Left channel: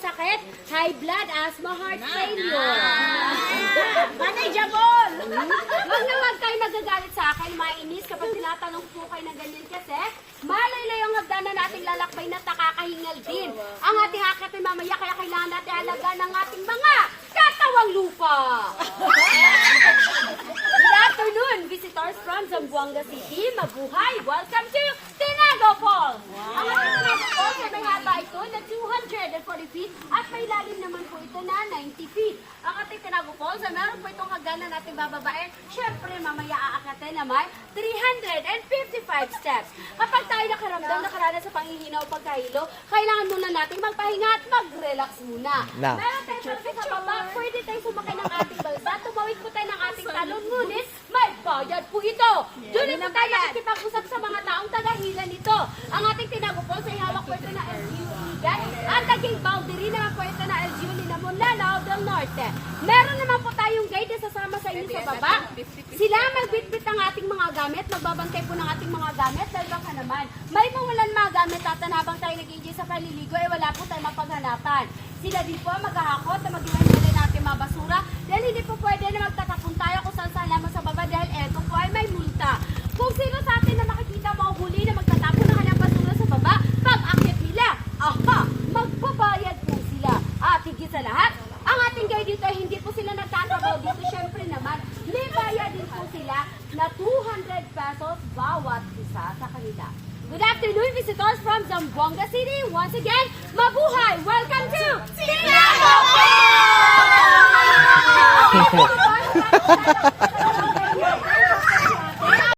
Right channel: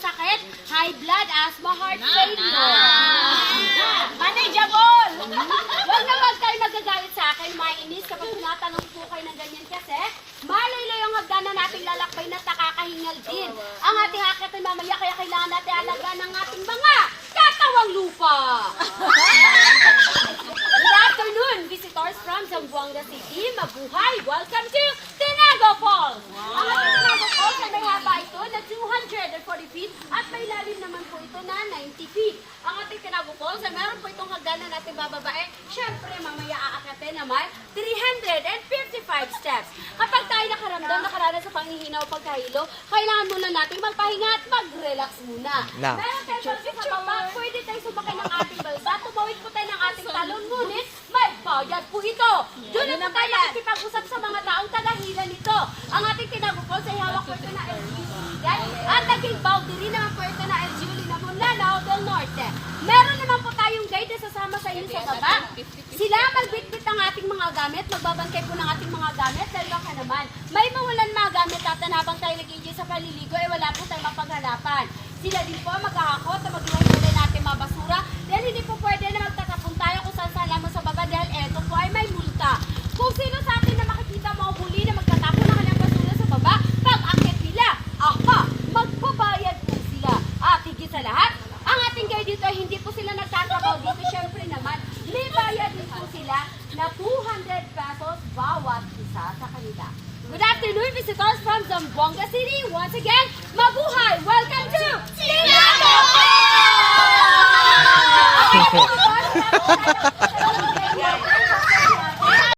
sakit, high blood, asthma, heart failure. Manageable! Huwag naman kayo magagalit sa akin, mainis kapag tinatanong po kayo ng ganyan kasi malaylay ang hagdanan nating lalakbay na nakakahingal din. Ang ating hakat ay mamaya kaya kailangan natin alaga ng ating mga katawang lupa. Good afternoon, visitors from Zamboanga City. Mabuhay! Welcome to Tinago Falls! Ang ating Tinago Falls ay may haba ito na 240 feet at may lalim naman po ito na 90 feet. Ang ating Tinago Falls ay meron po itong hagdanan natin bababae. Siyempre, mamaya aakatin naman 355 steps. Kapag tayo nakaranas sa panghihina o pagkahilo, kailangan muna natin magpahinga at mag-relax muna. No. Meron tayo sa baba, pwede tayo sumakay ng ating balsa. Tumawid po tayo ng ating talon, ngunit may bayad po ito. Doon na po tayo nakikipag-usap sa mga taong tagahila nito. Ang ating Tinago Falls ay hawak po ito na LGU. Ang naging boundary naman po ito na LGU Linamon, Lanao del Norte. Meron naman po tayong guide na sasama sa inyo sa baba. Sila magbitbit ng ating mga gamit, magbabantay po ng ating mga gamit dahil baka naman may mawalan mga gamit at habang tayo nag-enjoy sa paliligo ay wala po tayong mapaghanapan. Sila din po maghahakot na mag-iwan natin mga basura dahil hindi po pwede na magtatapon tayo kung saan lamang sa baba dahil eto po ay may multa. Kung sino sa atin na makikita mahuli na magtatapon ng kanyang basura sa baba, pag-akit nila, magbabayad po sila. At higit sa lahat, ang ating guide dito ay hindi po sila nagtatabaw dito. Siyempre naman, may bayad din po sila na 200 pesos bawat isa sa kanila. Good afternoon, visitors from Zamboanga City. Once again, mabuhay! Welcome to Tinago Falls!